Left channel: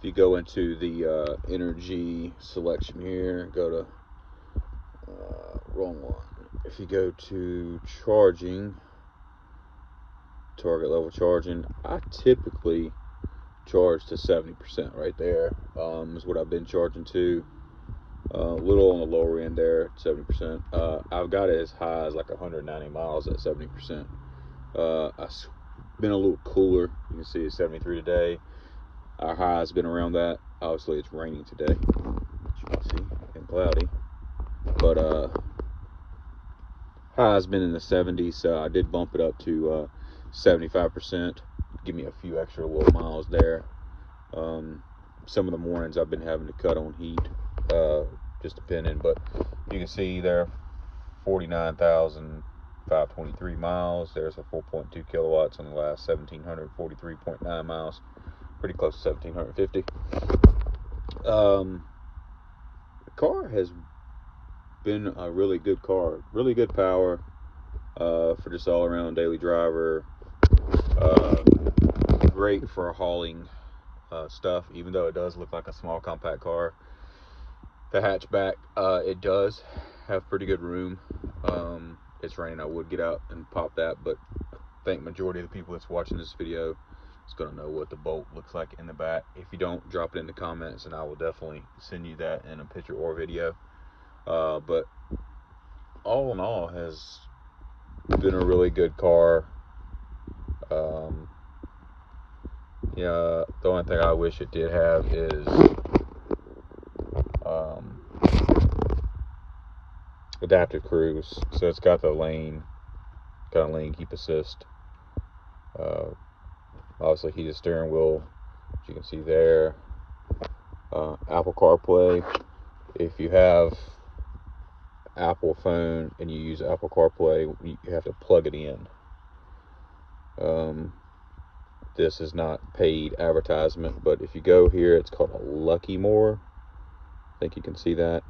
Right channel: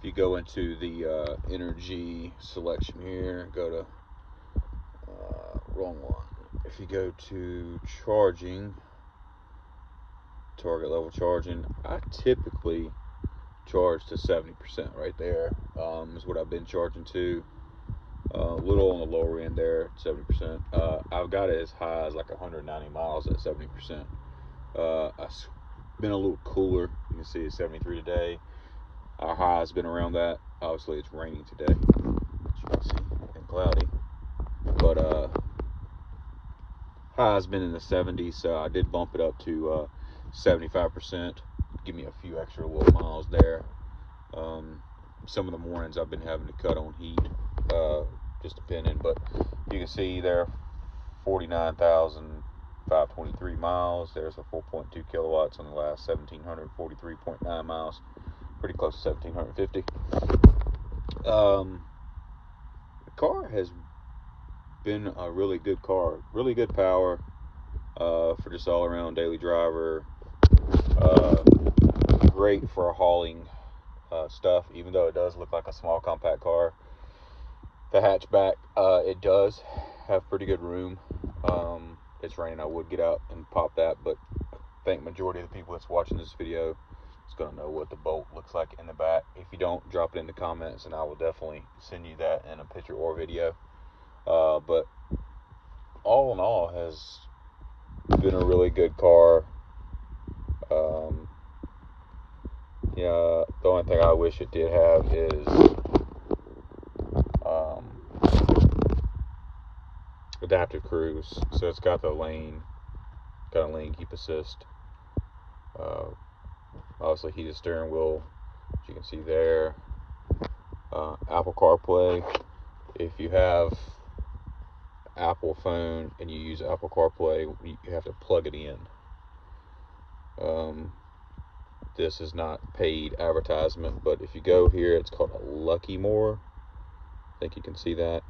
If you go into the energy selection here, go to wrong one. If you go to charging, target level charging, I typically charge to 70% right there. Is what I've been charging to. A little on the lower end there, 70%. I've got it as high as like 190 miles at 70%. I've been a little cooler. You can see it's 73 today. Our high has been around that. Obviously, it's raining today, as you can see, and cloudy. But high has been in the 70s, so I did bump it up to 75%. Give me a few extra little miles there. Some of the mornings I've been having to cut on heat, just depending. But you can see there, 49,523 miles. There's a 4.2 kilowatts on the last 1,743.9 miles. Pretty close to 1,750. The car has been a really good car. Really good power for just all-around daily driver. Great for hauling stuff, even though it does look like a small compact car. The hatchback, it does have pretty good room. It's raining, I would get out and pop that, but I think majority of the people that's watching this video is going to know what the bolt looks like in the back. If you don't, drop it in the comments and I will definitely send you that in a picture or video. But all in all, has been a really good car. Yeah, the only thing I wish it did have is adaptive cruise. So it's got the lane keep assist. Obviously heated steering wheel, as you can see there. Apple CarPlay. If you have Apple phone and you use Apple CarPlay, you have to plug it in. This is not paid advertisement, but if you go here, it's called a Lucky More. I think you can see that.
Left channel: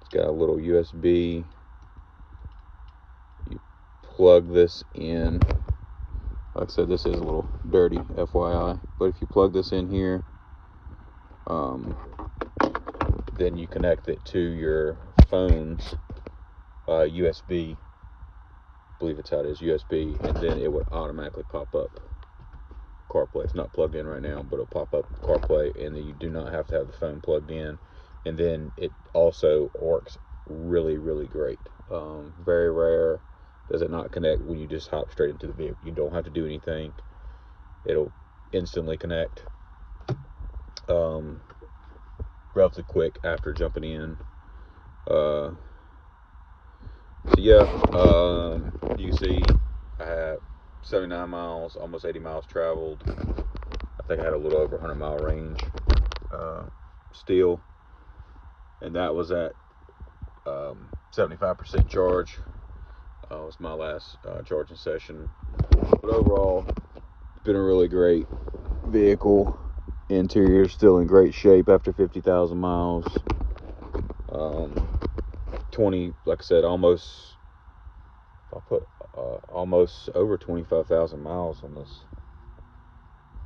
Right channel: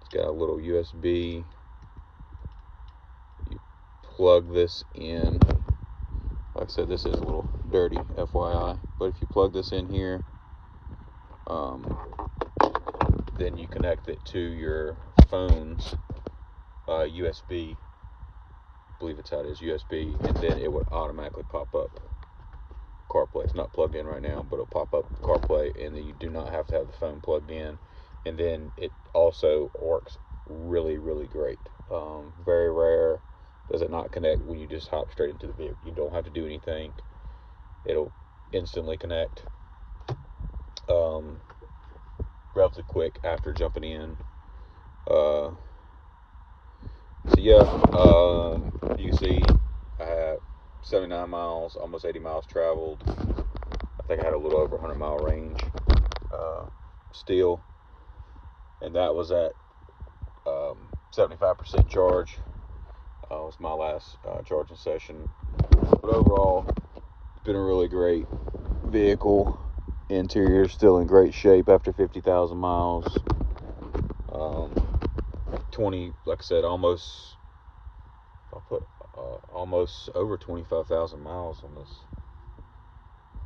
It's got a little USB. You plug this in. Like I said, this is a little dirty, FYI. But if you plug this in here, then you connect it to your phone's USB. I believe it's how it is, USB, and then it would automatically pop up CarPlay. It's not plugged in right now, but it'll pop up CarPlay, and then you do not have to have the phone plugged in. And then it also works really, really great. Very rare does it not connect when you just hop straight into the vehicle. You don't have to do anything. It'll instantly connect. Relatively quick after jumping in. So yeah, you can see I had 79 miles, almost 80 miles traveled. I think I had a little over 100 mile range still, and that was at 75% charge. Was my last charging session. But overall, it's been a really great vehicle. Interior is still in great shape after 50,000 miles. 20, like I said, almost over 25,000 miles on this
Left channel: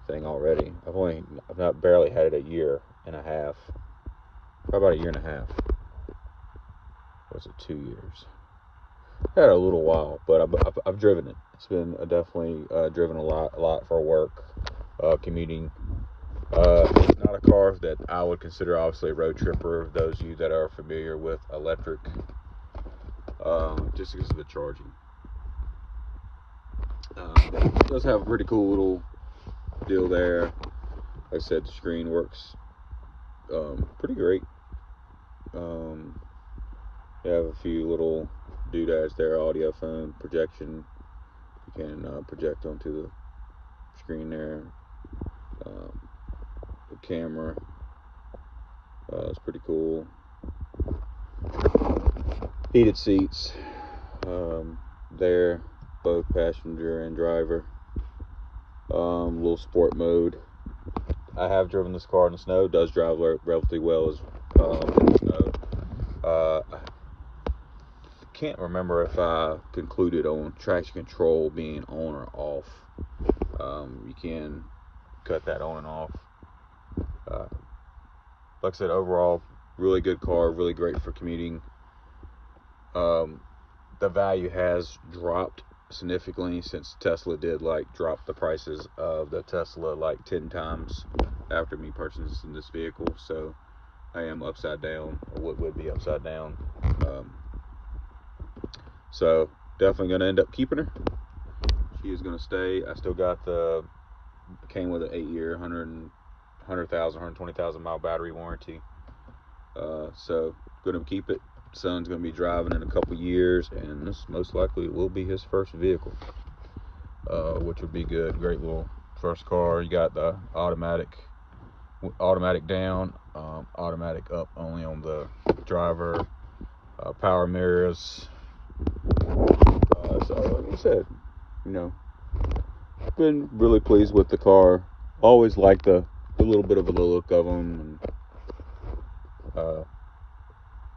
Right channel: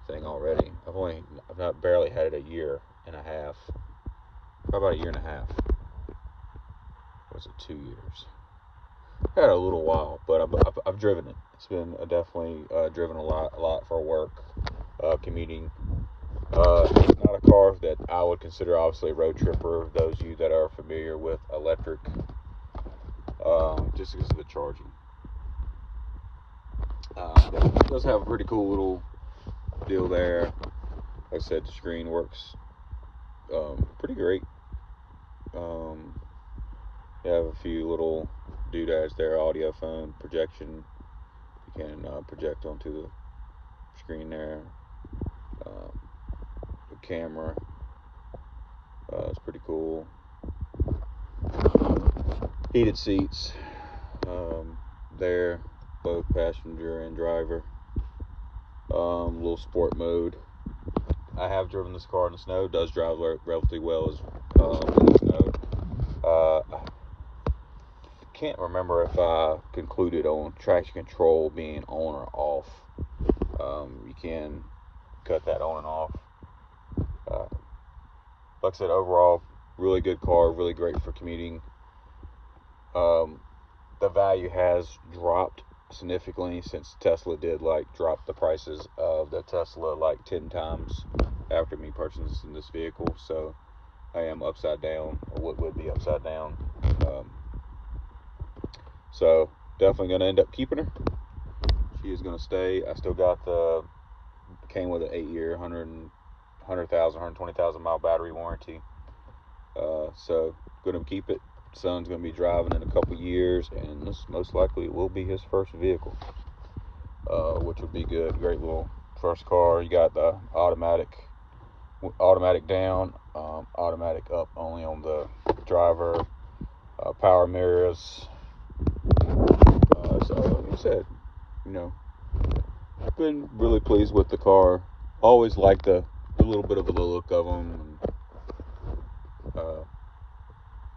thing already. I've not barely had it a year and a half. Probably about a year and a half. Was it 2 years? I had it a little while, but I've driven it. It's been definitely driven a lot for work, commuting. It's not a car that I would consider obviously a road tripper. Those of you that are familiar with electric, just because of the charging. It does have a pretty cool little deal there. Like I said, the screen works pretty great. You have a few little doodads there, audio, phone, projection. You can project onto the screen there. The camera. It's pretty cool. Heated seats there, both passenger and driver. Little sport mode. I have driven this car in the snow. It does drive relatively well as in the snow. Can't remember if I concluded on traction control being on or off. You can cut that on and off. like I said, overall, really good car, really great for commuting. The value has dropped significantly since Tesla did drop the prices of the Tesla 10 times after me purchasing this vehicle. So I am upside down, or what would be upside down. So definitely gonna end up keeping her. She is gonna stay. I still got came with an 8-year, 120,000 mile battery warranty. So gonna keep it. Son's gonna be driving in a couple years, and this most likely will be his first vehicle, which would be good. Great little first car. You got the automatic down, automatic up only on the driver, power mirrors. So like I said, been really pleased with the car. Always liked the little bit of a look of them.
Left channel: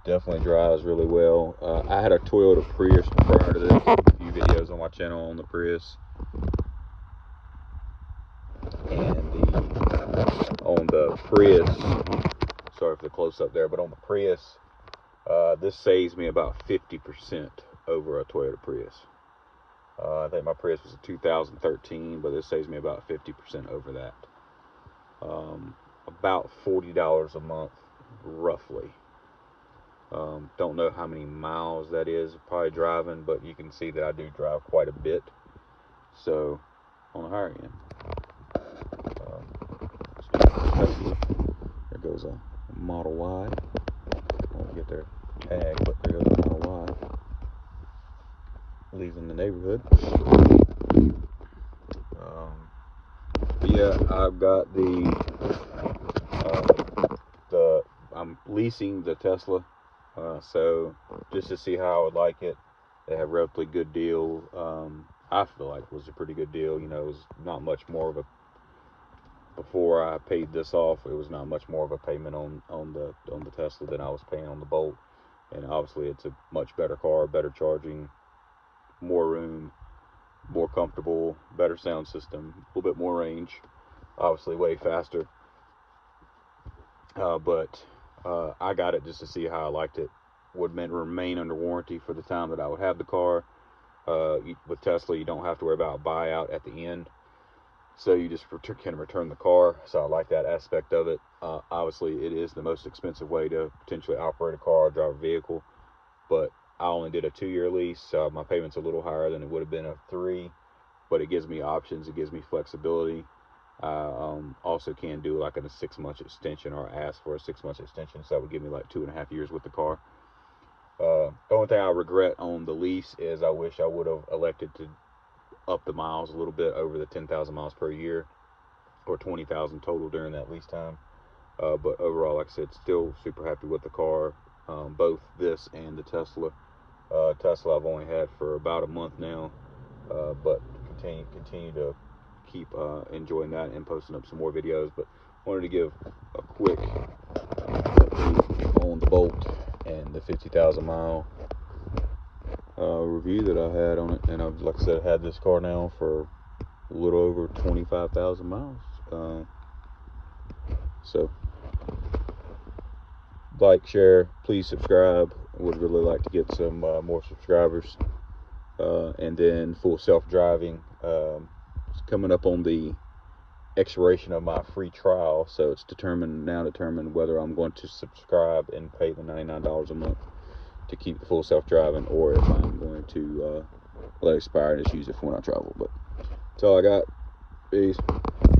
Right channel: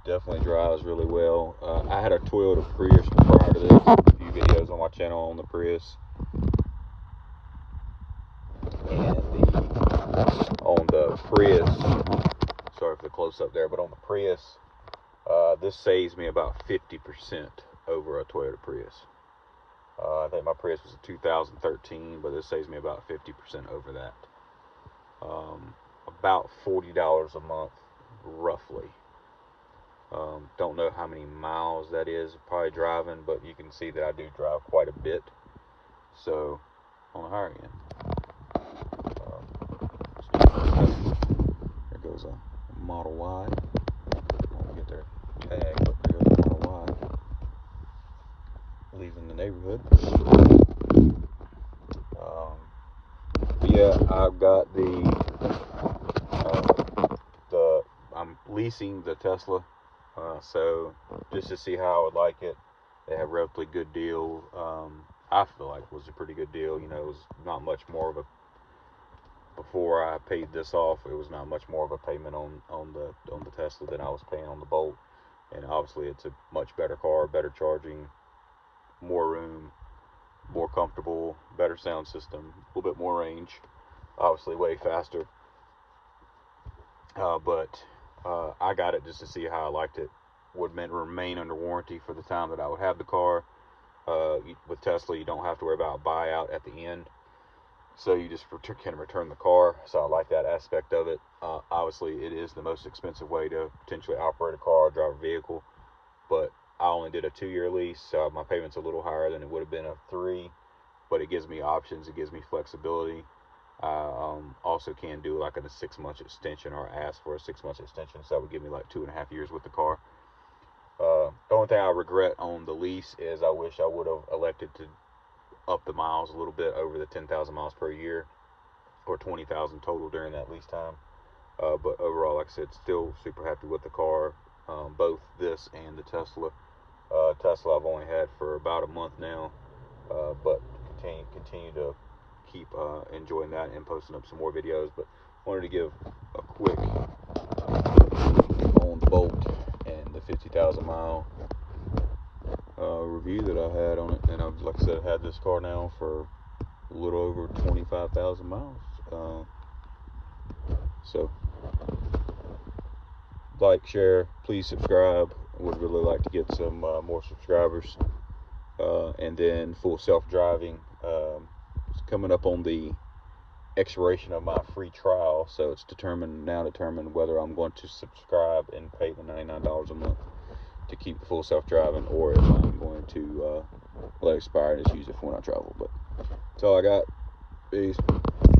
Definitely drives really well. I had a Toyota Prius prior to this. A few videos on my channel on the Prius. And on the Prius, sorry for the close up there, but on the Prius, this saves me about 50% over a Toyota Prius. I think my Prius was a 2013, but this saves me about 50% over that. About $40 a month, roughly. Don't know how many miles that is probably driving, but you can see that I do drive quite a bit. So on the higher end. There goes a Model Y. I'll get there. Ag, but there goes a Model Y. Leaving the neighborhood. Yeah, I've got I'm leasing the Tesla. So just to see how I would like it. They have a relatively good deal. I feel like it was a pretty good deal. It was not much more of a, before I paid this off, it was not much more of a payment on the Tesla than I was paying on the Bolt. And obviously it's a much better car, better charging, more room, more comfortable, better sound system, a little bit more range, obviously way faster. But I got it just to see how I liked it. Would remain under warranty for the time that I would have the car. With Tesla, you don't have to worry about buyout at the end, so you just can return the car. So I like that aspect of it. Obviously, it is the most expensive way to potentially operate a car, drive a vehicle, but I only did a 2-year lease, so my payment's a little higher than it would have been a 3, but it gives me options, it gives me flexibility. Also can do like a 6-month extension, or ask for a 6-month extension, so that would give me 2.5 years with the car. The only thing I regret on the lease is I wish I would have elected to up the miles a little bit over the 10,000 miles per year, or 20,000 total during that lease time. But overall, like I said, still super happy with the car, both this and the Tesla. Tesla I've only had for about a month now, but continue to keep enjoying that and posting up some more videos. But wanted to give a quick on the Bolt and the 50,000 mile review that I had on it. And I've, like I said, had this car now for a little over 25,000 miles. So like, share, please subscribe. I would really like to get some more subscribers. And then full self-driving, it's coming up on the expiration of my free trial, so it's determined whether I'm going to subscribe and pay the $99 a month to keep the full self-driving, or if I'm going to let it expire and just use it for when I travel. But that's all I got. Peace.